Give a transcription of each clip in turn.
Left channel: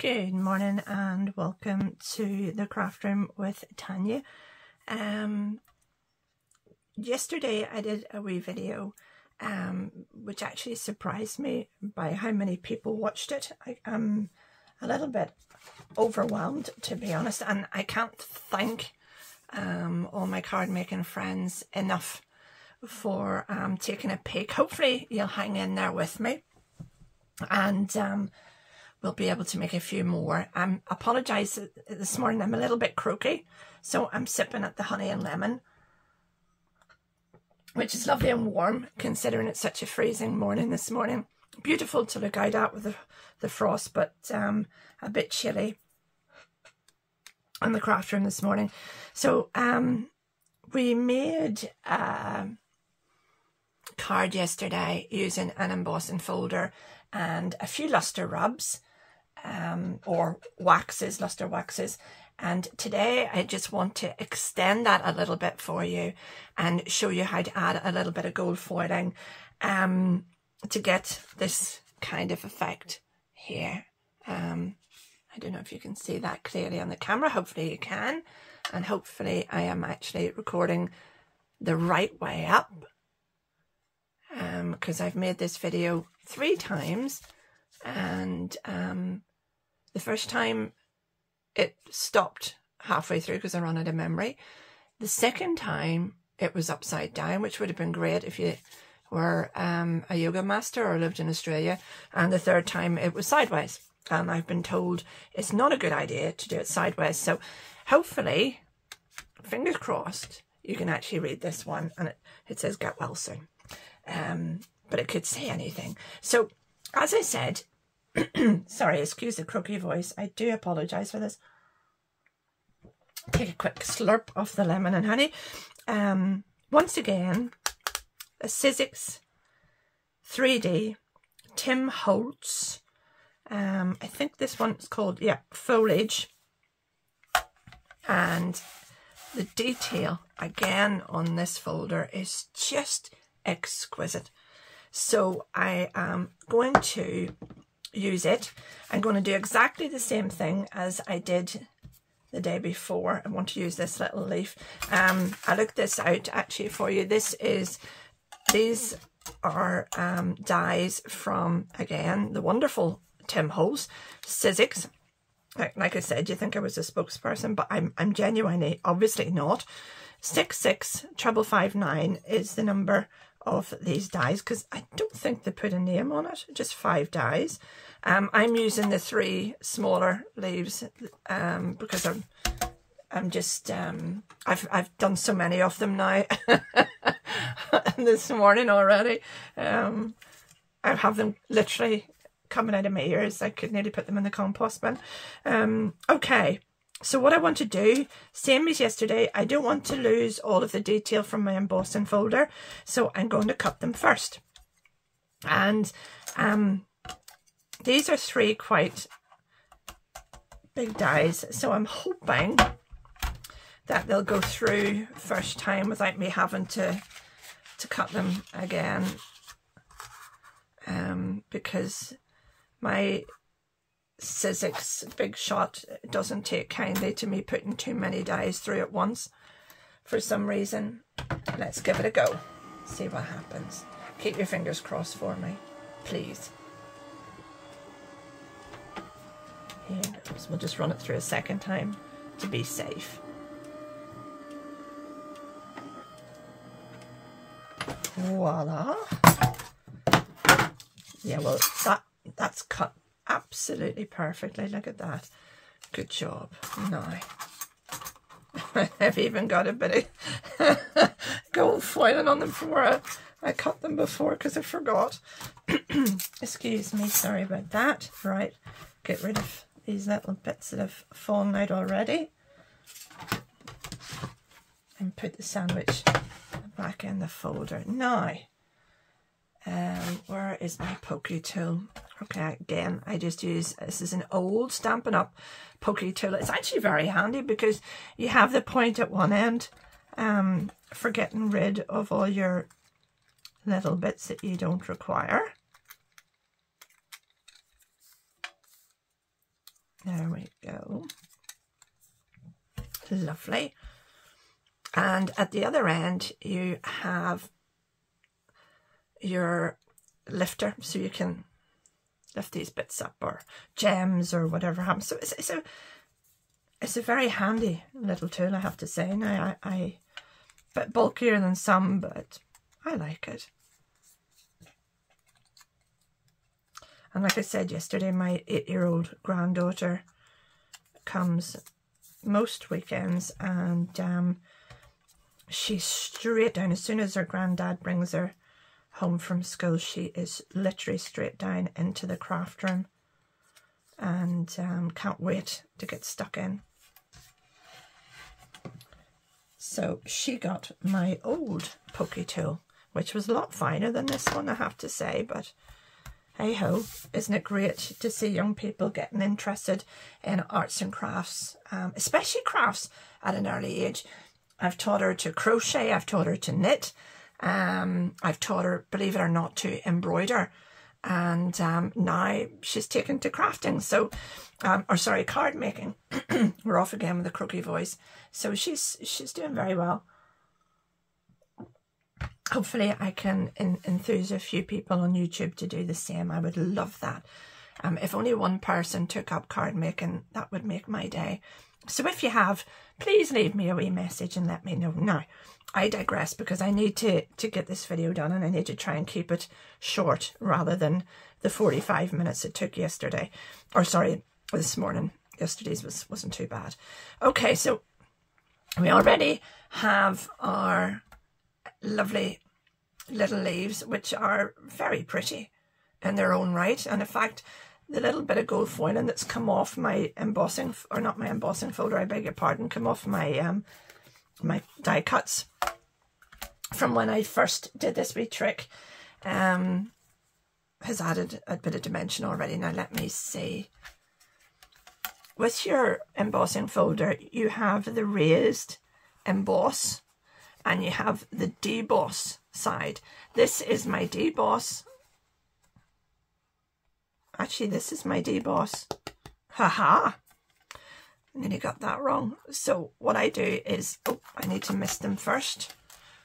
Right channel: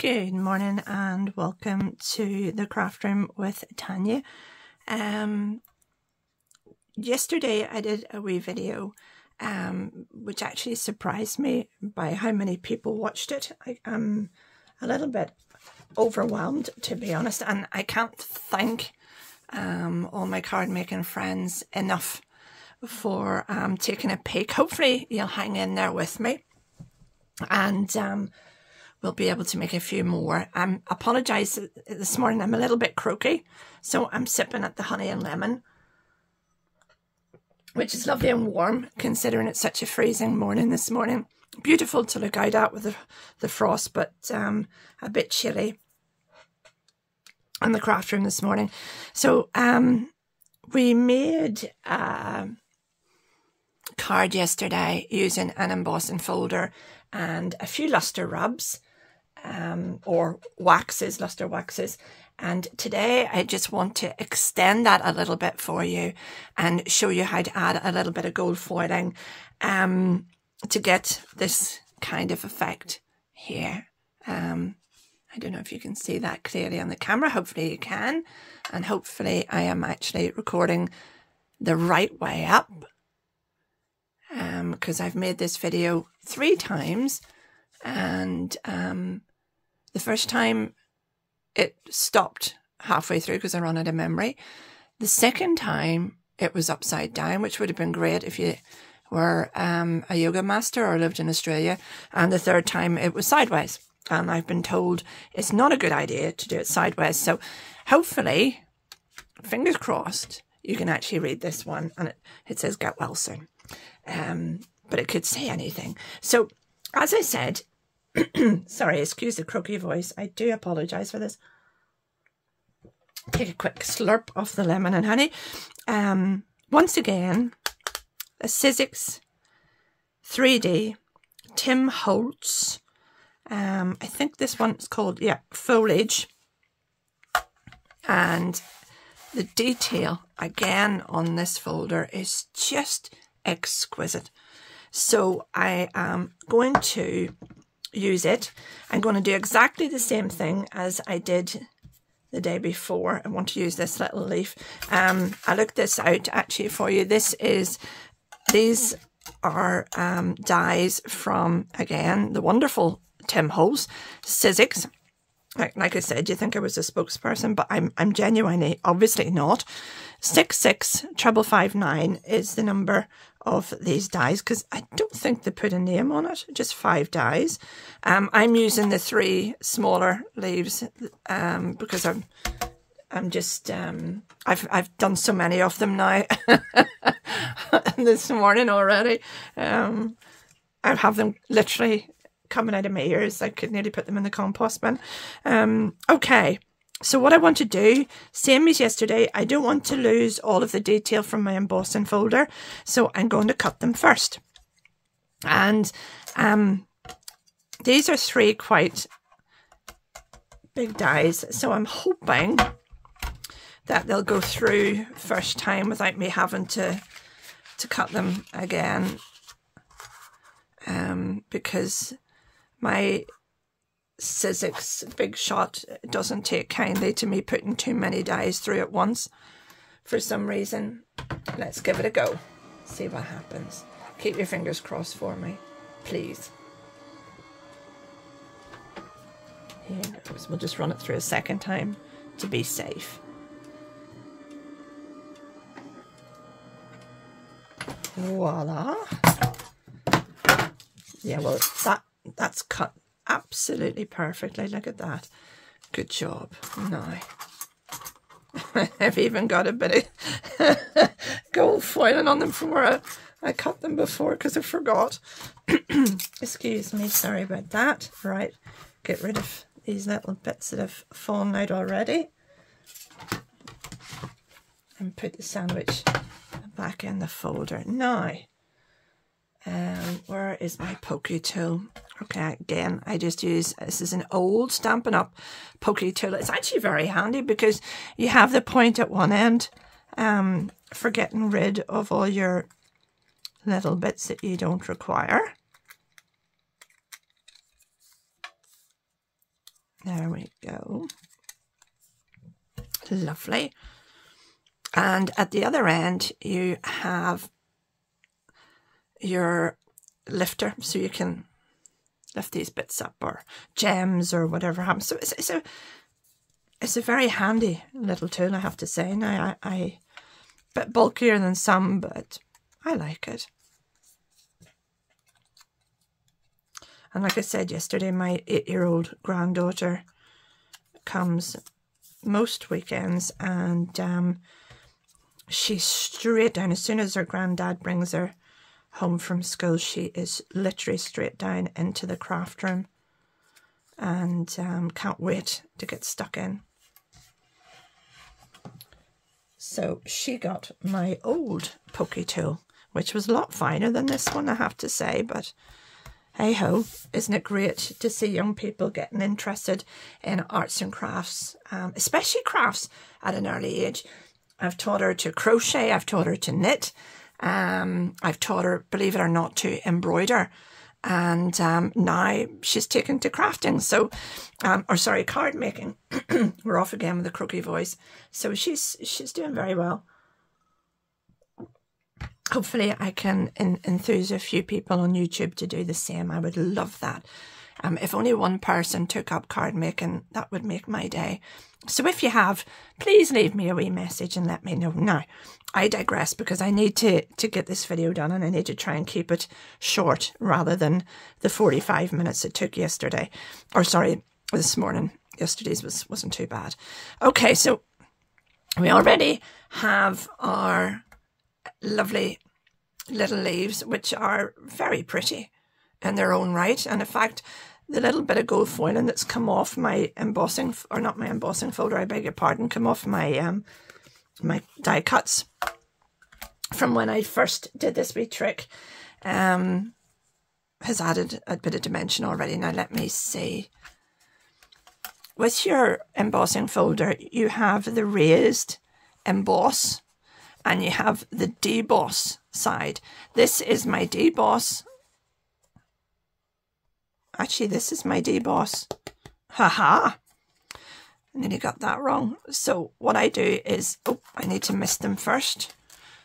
Good morning and welcome to the craft room with Tanya. Yesterday I did a wee video which actually surprised me by how many people watched it. I'm a little bit overwhelmed, to be honest, and I can't thank all my card making friends enough for taking a peek. Hopefully you'll hang in there with me and we'll be able to make a few more. Apologise this morning, I'm a little bit croaky, so I'm sipping at the honey and lemon, which is lovely and warm considering it's such a freezing morning this morning. Beautiful to look out at with the frost, but a bit chilly in the craft room this morning. So we made a card yesterday using an embossing folder and a few luster rubs or waxes, luster waxes, and today I just want to extend that a little bit for you and show you how to add a little bit of gold foiling to get this kind of effect here. I don't know if you can see that clearly on the camera. Hopefully you can, and hopefully I am actually recording the right way up, because I've made this video 3 times, and the first time it stopped halfway through because I ran out of memory. The second time it was upside down, which would have been great if you were a yoga master or lived in Australia. And the third time it was sideways, and I've been told it's not a good idea to do it sideways. So hopefully, fingers crossed, you can actually read this one, and it says get well soon, but it could say anything. So as I said, sorry, excuse the croaky voice, I do apologise for this. Take a quick slurp of the lemon and honey. Once again, a Sizzix 3D Tim Holtz. I think this one's called, yeah, Foliage. And the detail again on this folder is just exquisite. So I am going to use it. I'm going to do exactly the same thing as I did the day before. I want to use this little leaf. I looked this out actually for you. These are dies from, again, the wonderful Tim Holtz, Sizzix. Like I said, you think I was a spokesperson, but I'm genuinely obviously not. 66559 is the number of these dies, because I don't think they put a name on it, just 5 dies. I'm using the 3 smaller leaves because I'm just I've done so many of them now this morning already. I have them literally coming out of my ears. I could nearly put them in the compost bin. Okay, so what I want to do, same as yesterday, I don't want to lose all of the detail from my embossing folder, so I'm going to cut them first. And these are 3 quite big dies, so I'm hoping that they'll go through first time without me having to cut them again, because my Sizzix Big Shot doesn't take kindly to me putting too many dies through at once for some reason. Let's give it a go, see what happens. Keep your fingers crossed for me, please. Here goes. We'll just run it through a second time to be safe. Voila. Yeah, well, that's cut absolutely perfectly. Look at that. Good job. Now I've even got a bit of gold foiling on them from where I cut them before because I forgot. Excuse me, sorry about that. Right, get rid of these little bits that have fallen out already and put the sandwich back in the folder. Now where is my pokey tool? Okay, again, I just use, this is an old Stampin' Up! Pokey tool. It's actually very handy because you have the point at one end for getting rid of all your little bits that you don't require. There we go. Lovely. And at the other end, you have your lifter, so you can lift these bits up, or gems, or whatever happens. So it's a very handy little tool, I have to say. Now, I bit bulkier than some, but I like it. And like I said yesterday, my 8-year-old granddaughter comes most weekends, and she's straight down. As soon as her granddad brings her home from school, she is literally straight down into the craft room, and can't wait to get stuck in. So she got my old pokey tool, which was a lot finer than this one, I have to say, but hey ho, isn't it great to see young people getting interested in arts and crafts, especially crafts at an early age. I've taught her to crochet, I've taught her to knit, I've taught her, believe it or not, to embroider, and now she's taken to crafting, so, or sorry, card making. We're off again with the croaky voice. So she's doing very well. Hopefully I can enthuse a few people on YouTube to do the same. I would love that. If only one person took up card making, that would make my day. So if you have, please leave me a wee message and let me know. Now, I digress, because I need to get this video done, and I need to try and keep it short rather than the 45 minutes it took yesterday. Or sorry, this morning. Yesterday's wasn't too bad. Okay, so we already have our lovely little leaves, which are very pretty in their own right. And in fact, the little bit of gold foiling that's come off my embossing, or not my embossing folder, I beg your pardon, come off my my die cuts from when I first did this wee trick, has added a bit of dimension already. Now let me see. With your embossing folder, you have the raised emboss, and you have the deboss side. This is my deboss. Actually, this is my deboss. Haha. And then you got that wrong. So what I do is, oh, I need to mist them first.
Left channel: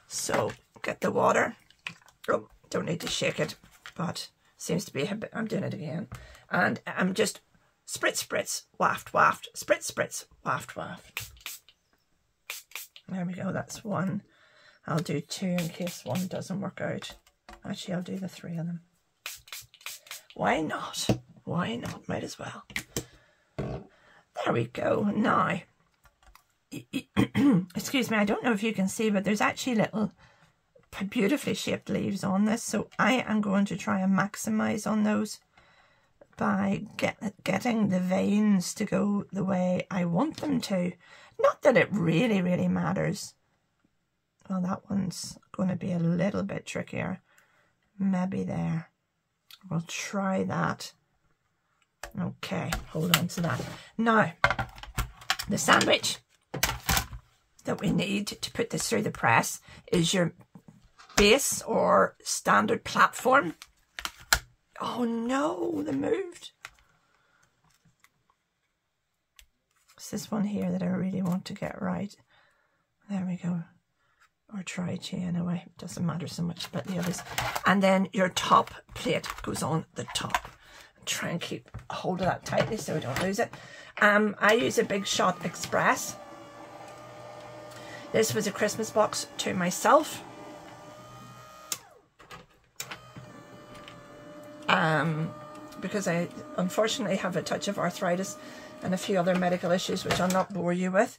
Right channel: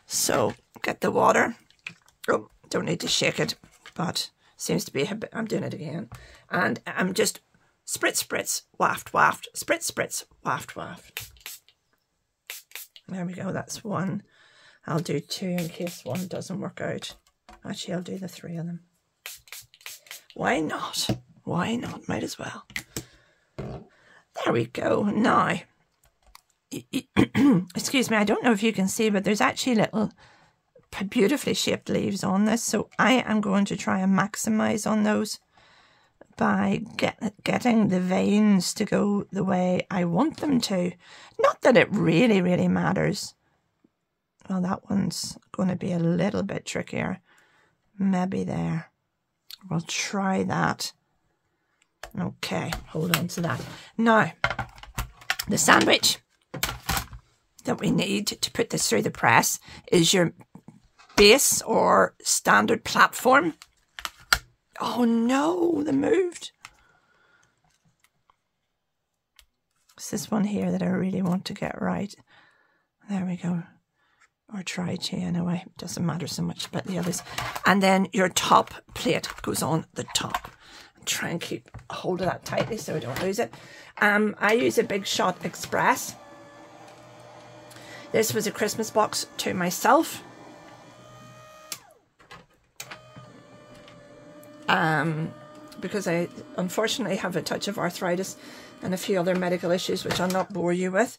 So get the water. Oh, don't need to shake it, but seems to be a bit, I'm doing it again. And I'm just spritz, spritz, waft, waft, spritz, spritz, waft, waft. There we go, that's one. I'll do two in case one doesn't work out. Actually, I'll do the 3 of them. Why not? Why not? Might as well. There we go. Now, excuse me, I don't know if you can see, but there's actually little beautifully shaped leaves on this. So I am going to try and maximize on those by getting the veins to go the way I want them to. Not that it really, really matters. Well, that one's going to be a little bit trickier. Maybe there. We'll try that. Okay, hold on to that. Now, the sandwich that we need to put this through the press is your base or standard platform. Oh no, they moved. It's this one here that I really want to get right. There we go. Or try to anyway. It doesn't matter so much about the others. And then your top plate goes on the top. Try and keep hold of that tightly so I don't lose it. I use a Big Shot Express. This was a Christmas box to myself. Because I unfortunately have a touch of arthritis and a few other medical issues which I'll not bore you with.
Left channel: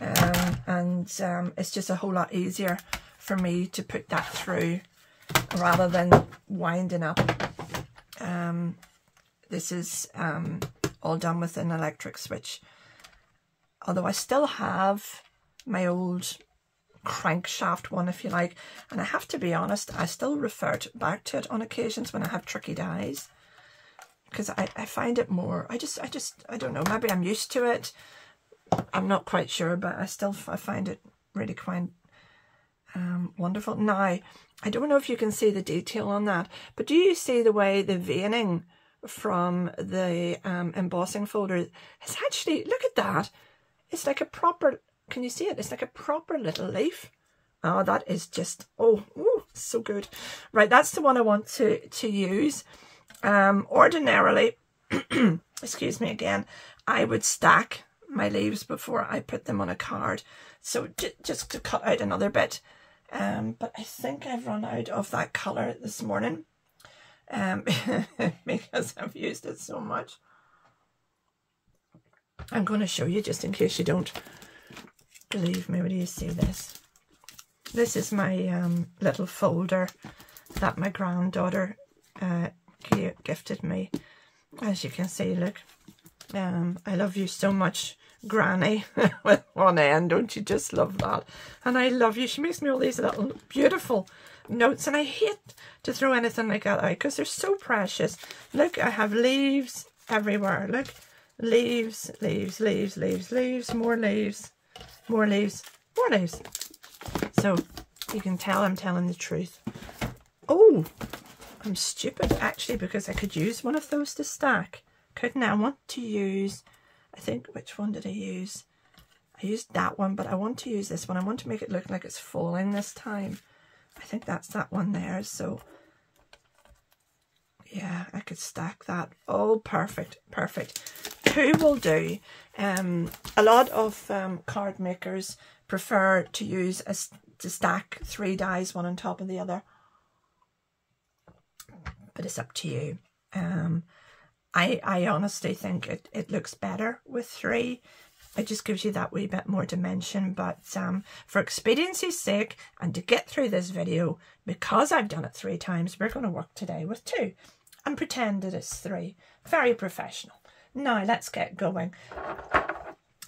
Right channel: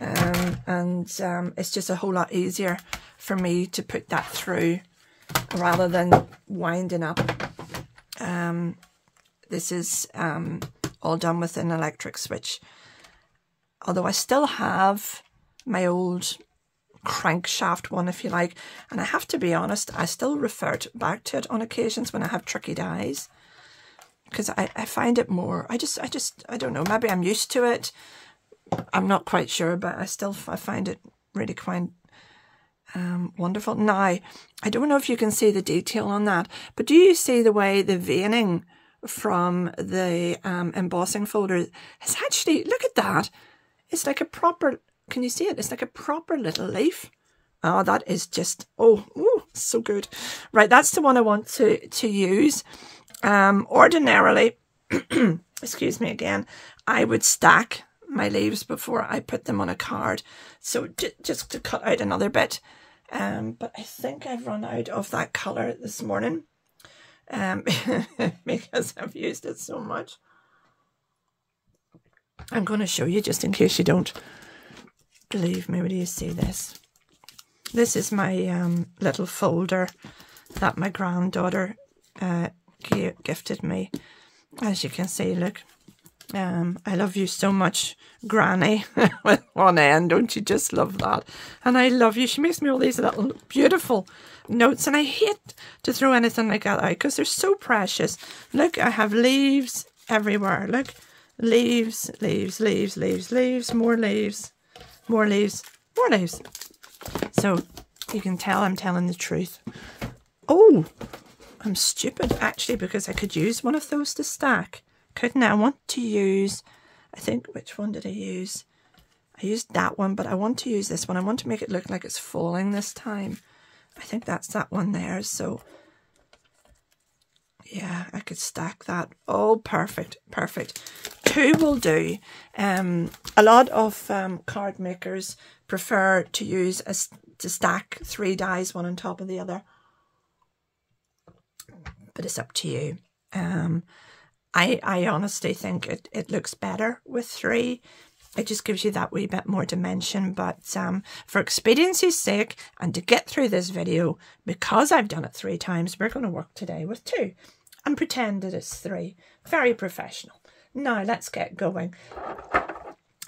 It's just a whole lot easier for me to put that through rather than winding up. This is all done with an electric switch. Although I still have my old crankshaft one, if you like. And I have to be honest, I still revert back to it on occasions when I have tricky dies. Because I find it more, I don't know, maybe I'm used to it. I'm not quite sure, but I find it really quite wonderful. Now, I don't know if you can see the detail on that, but do you see the way the veining from the embossing folder. It's actually, look at that. It's like a proper, can you see it? It's like a proper little leaf. Oh, that is just, oh, ooh, so good. Right, that's the one I want to use. Ordinarily, excuse me again, I would stack my leaves before I put them on a card. So just to cut out another bit. But I think I've run out of that colour this morning. Because I've used it so much. I'm going to show you just in case you don't believe me. When you see this? This is my little folder that my granddaughter gifted me. As you can see, look. I love you so much, Granny, with one end. Don't you just love that? And I love you. She makes me all these little beautiful notes, and I hate to throw anything like that out because they're so precious. Look, I have leaves everywhere. Look, leaves, leaves, leaves, leaves, leaves, more leaves, more leaves, more leaves. So you can tell I'm telling the truth. Oh, I'm stupid actually, because I could use one of those to stack. Couldn't I? I want to use, I think, which one did I use? I used that one, but I want to use this one. I want to make it look like it's falling this time. I think that's that one there. So yeah, I could stack that. Oh, perfect, perfect. Two will do. A lot of card makers prefer to use to stack 3 dies, one on top of the other. But it's up to you. I honestly think it looks better with 3. It just gives you that wee bit more dimension. But for expediency's sake, and to get through this video, because I've done it 3 times, we're going to work today with 2 and pretend that it's 3. Very professional. Now let's get going.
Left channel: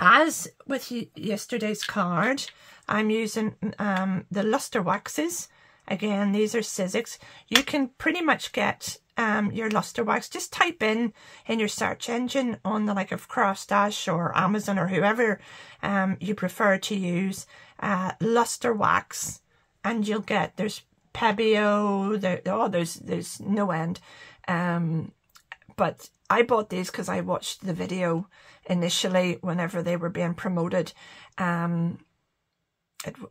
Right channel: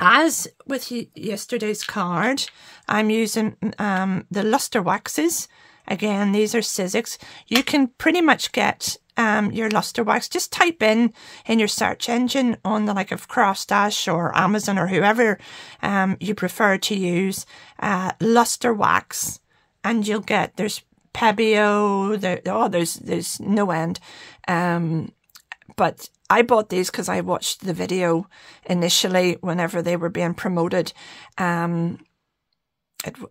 As with yesterday's card, I'm using the Lustre Waxes. Again, these are Sizzix. You can pretty much get your Lustre Wax. Just type in your search engine on the like of Craftstash or Amazon or whoever you prefer to use, Lustre Wax, and you'll get, there's Pebeo, there's no end. But I bought these because I watched the video initially whenever they were being promoted. I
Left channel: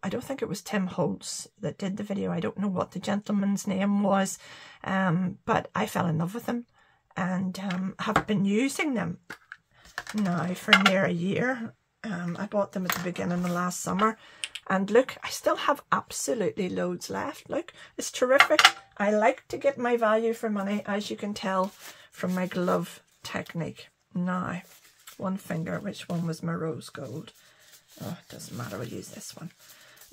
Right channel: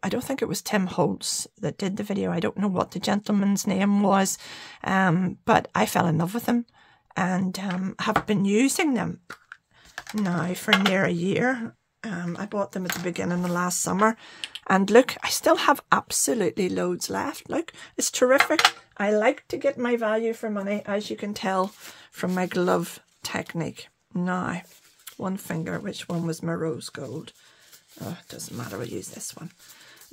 don't think it was Tim Holtz that did the video. I don't know what the gentleman's name was, but I fell in love with them and have been using them now for near a year. I bought them at the beginning of last summer, and look, I still have absolutely loads left. Look, it's terrific. I like to get my value for money, as you can tell from my glove technique. Now, one finger, which one was my rose gold? Oh, it doesn't matter, we'll use this one.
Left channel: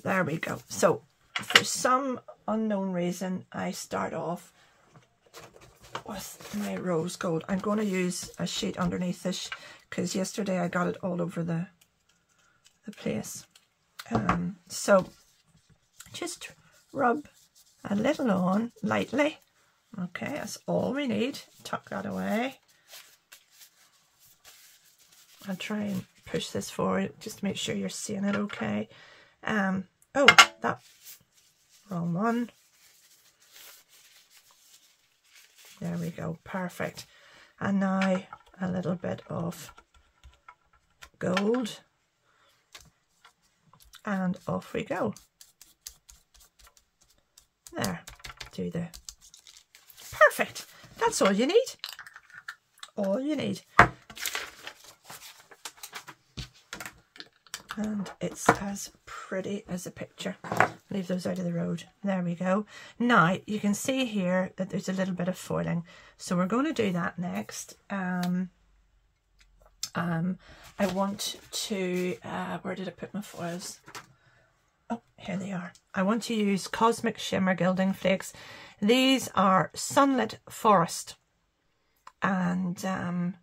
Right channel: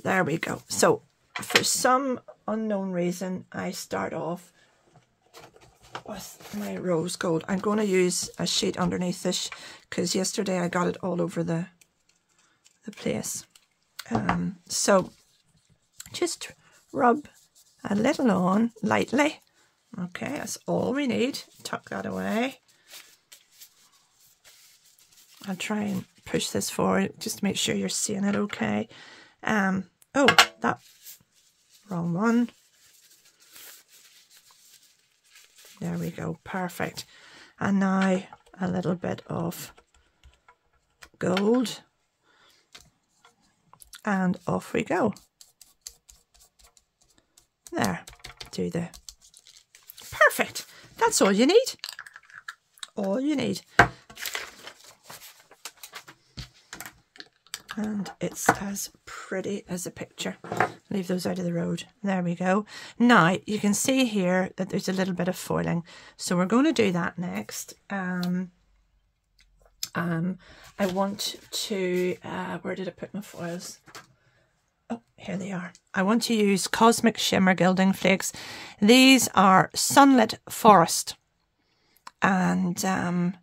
There we go. So, for some unknown reason, I start off with my rose gold. I'm going to use a sheet underneath this because yesterday I got it all over the place. So, just rub a little on lightly. Okay, that's all we need. Tuck that away. I'll try and push this forward just to make sure you're seeing it okay. Oh, that wrong one. There we go, perfect. And now a little bit of gold, and off we go. There, do the perfect. That's all you need. All you need. And it's as pretty as a picture. Leave those out of the road. There we go. Now, you can see here that there's a little bit of foiling. So we're going to do that next. I want to, where did I put my foils? Oh, here they are. I want to use Cosmic Shimmer Gilding Flakes. These are Sunlit Forest. And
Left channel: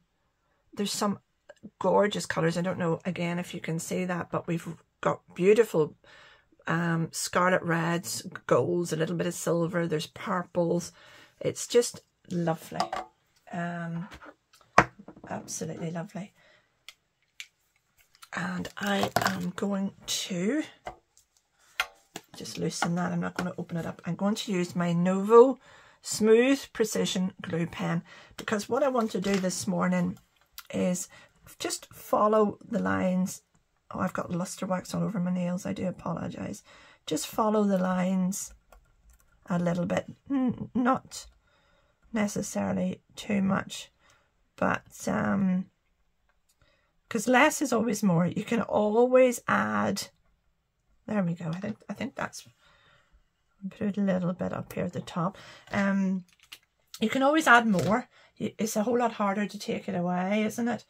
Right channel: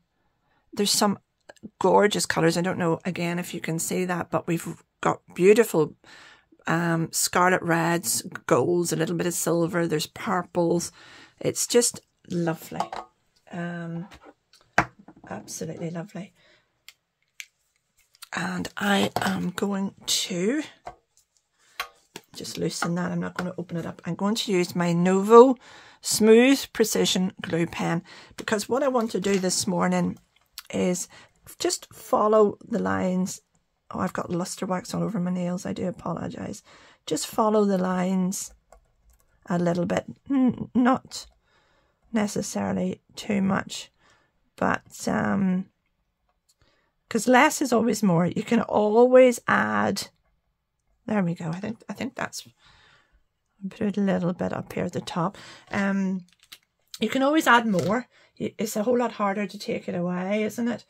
there's some gorgeous colours. I don't know again if you can see that, but we've got beautiful scarlet reds, golds, a little bit of silver, there's purples. It's just lovely. Absolutely lovely. And I am going to just loosen that. I'm not going to open it up. I'm going to use my Novo smooth precision glue pen, because what I want to do this morning is just follow the lines. Oh, I've got lustre wax all over my nails. I do apologise. Just follow the lines a little bit, not necessarily too much, but because less is always more. You can always add. There we go. I think that's. Put it a little bit up here at the top. You can always add more. It's a whole lot harder to take it away, isn't it?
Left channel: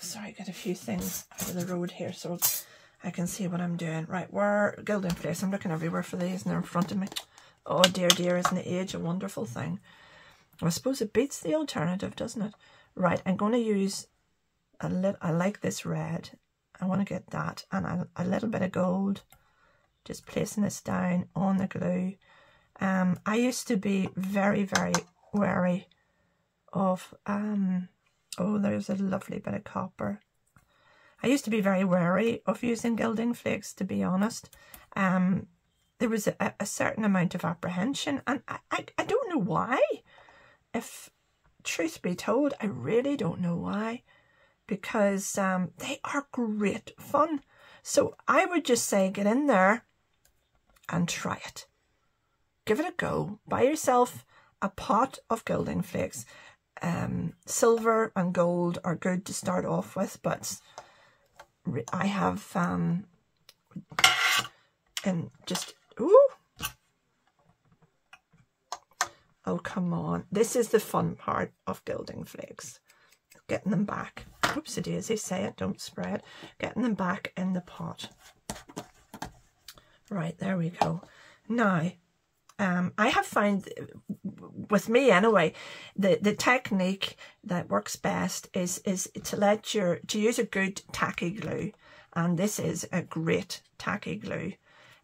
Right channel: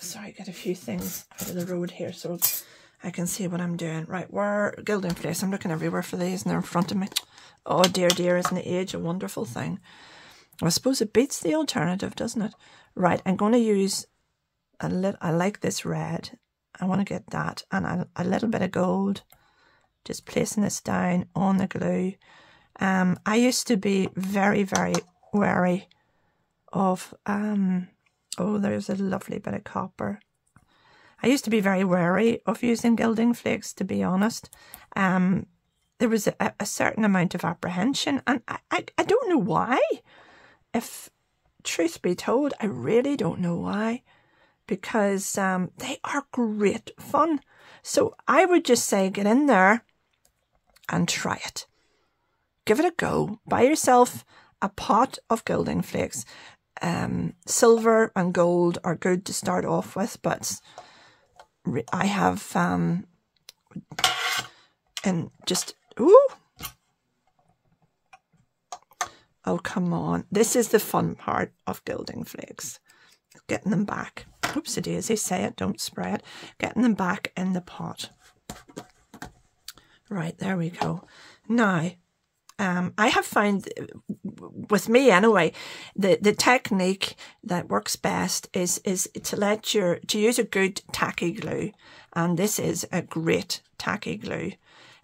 Sorry, get a few things out of the road here so I can see what I'm doing. Right, we're gilding flakes. I'm looking everywhere for these and they're in front of me. Oh dear, dear, isn't age a wonderful thing? I suppose it beats the alternative, doesn't it? Right, I'm going to use a little. I like this red. I want to get that, and a little bit of gold. Just placing this down on the glue. I used to be very, very wary of, oh, there's a lovely bit of copper. I used to be very wary of using gilding flakes, to be honest. There was a certain amount of apprehension, and I don't know why. If truth be told, I really don't know why, because they are great fun. So I would just say get in there and try it. Give it a go. Buy yourself a pot of gilding flakes. Silver and gold are good to start off with, but I have and just oh come on, this is the fun part of gilding flakes, getting them back. Oopsie daisy, say it, don't spray it. Getting them back in the pot. Right, there we go. Now I have found, with me anyway, the technique that works best is to use a good tacky glue, and this is a great tacky glue,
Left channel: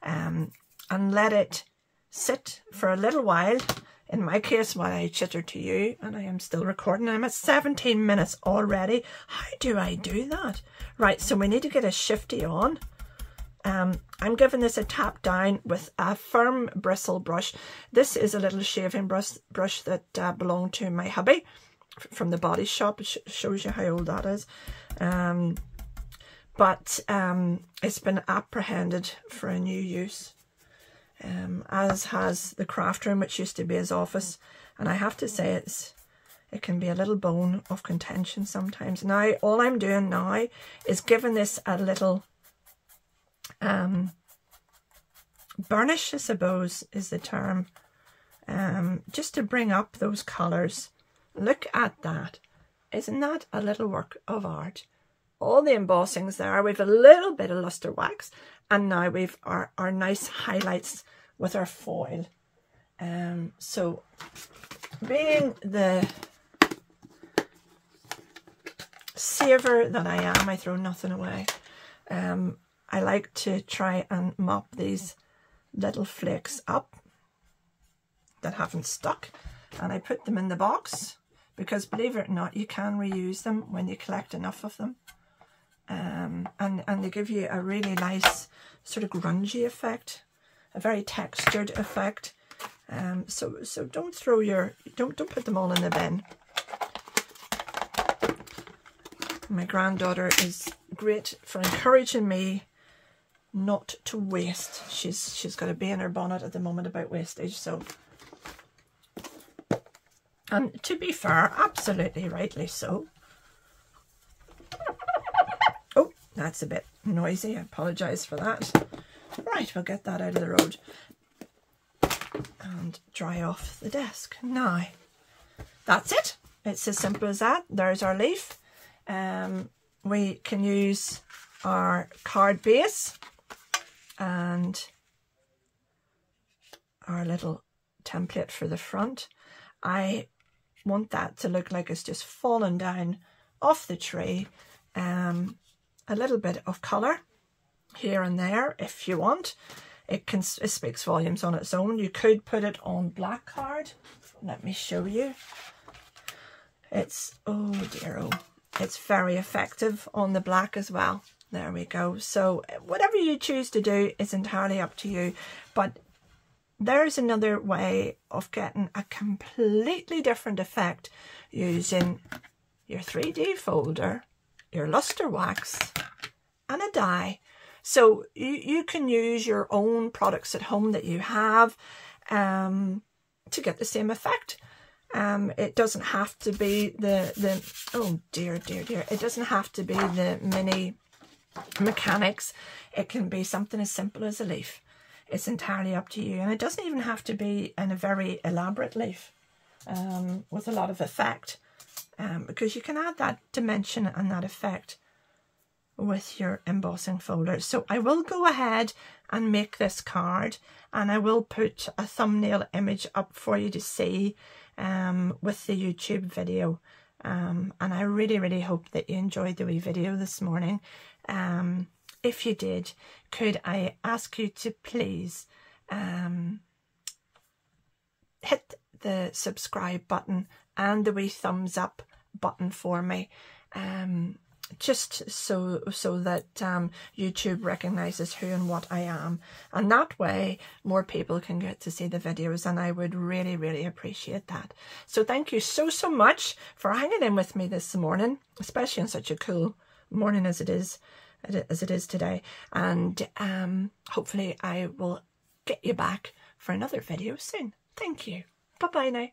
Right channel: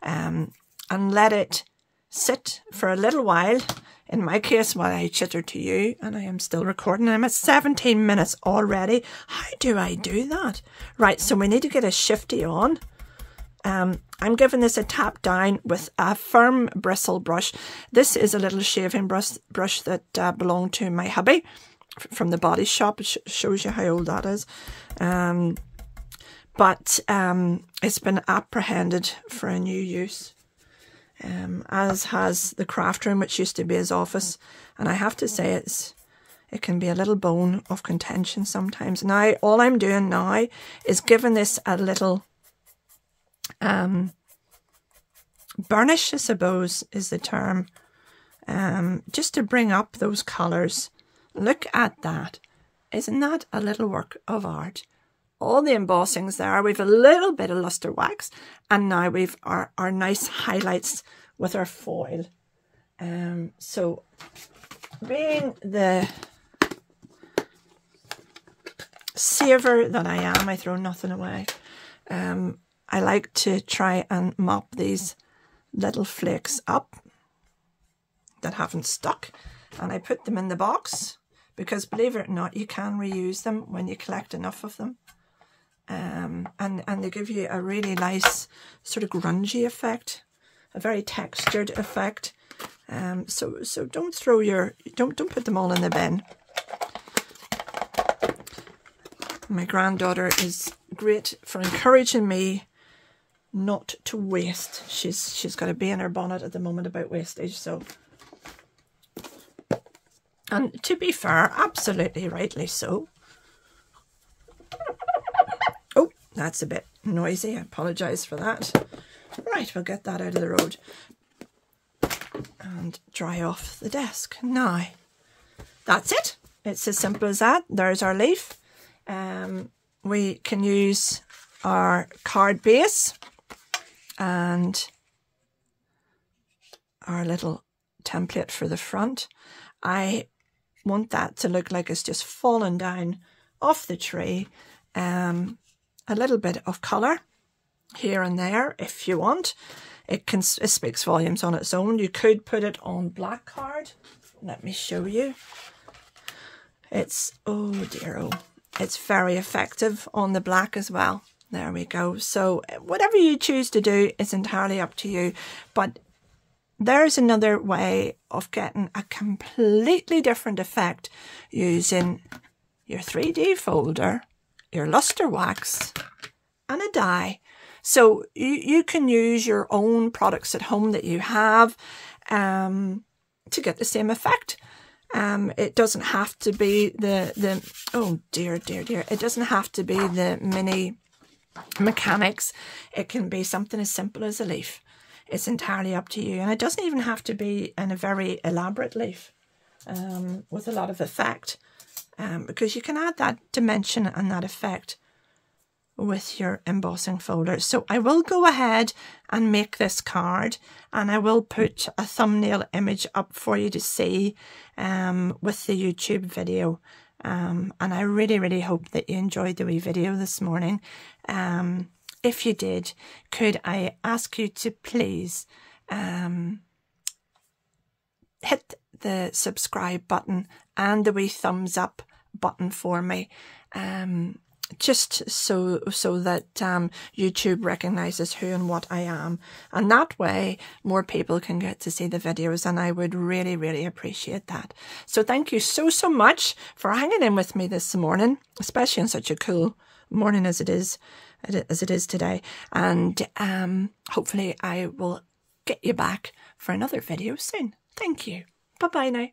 and let it sit for a little while. In my case, while I chitter to you, and I am still recording, I'm at 17 minutes already. How do I do that? Right, so we need to get a shifty on. I'm giving this a tap down with a firm bristle brush. This is a little shaving brush that belonged to my hubby from the Body Shop. It shows you how old that is. But it's been apprehended for a new use, as has the craft room, which used to be his office. And I have to say it can be a little bone of contention sometimes. Now, all I'm doing now is giving this a little burnish, I suppose is the term, just to bring up those colours. Look at that. Isn't that a little work of art? All the embossings there. We've a little bit of lustre wax, and now we've our nice highlights with our foil. So being the saver that I am, I throw nothing away. I like to try and mop these little flakes up that haven't stuck, and I put them in the box because, believe it or not, you can reuse them when you collect enough of them, and they give you a really nice sort of grungy effect, a very textured effect. So don't throw don't put them all in the bin. My granddaughter is great for encouraging me not to waste. She's got a bee in her bonnet at the moment about wastage. So, and to be fair, absolutely rightly so. Oh, that's a bit noisy. I apologise for that. Right, we'll get that out of the road and dry off the desk. Now, that's it. It's as simple as that. There's our leaf. We can use our card base and our little template for the front. I want that to look like it's just fallen down off the tree. A little bit of colour here and there if you want. It speaks volumes on its own. You could put it on black card. Let me show you. It's, oh dear, oh, it's very effective on the black as well. There we go. So whatever you choose to do is entirely up to you. But there's another way of getting a completely different effect using your 3D folder, your Lustre Wax, and a die. So you can use your own products at home that you have to get the same effect. It doesn't have to be the oh dear, it doesn't have to be the mini mechanics. It can be something as simple as a leaf. It's entirely up to you, and it doesn't even have to be in a very elaborate leaf with a lot of effect, because you can add that dimension and that effect with your embossing folder. So I will go ahead and make this card, and I will put a thumbnail image up for you to see with the YouTube video. And I really hope that you enjoyed the wee video this morning. If you did, could I ask you to please hit the subscribe button and the wee thumbs up button for me, just so that YouTube recognizes who and what I am, and that way more people can get to see the videos, and I would really appreciate that. So thank you so much for hanging in with me this morning, especially on such a cool morning as it is today, and hopefully I will get you back for another video soon. Thank you. Bye bye now.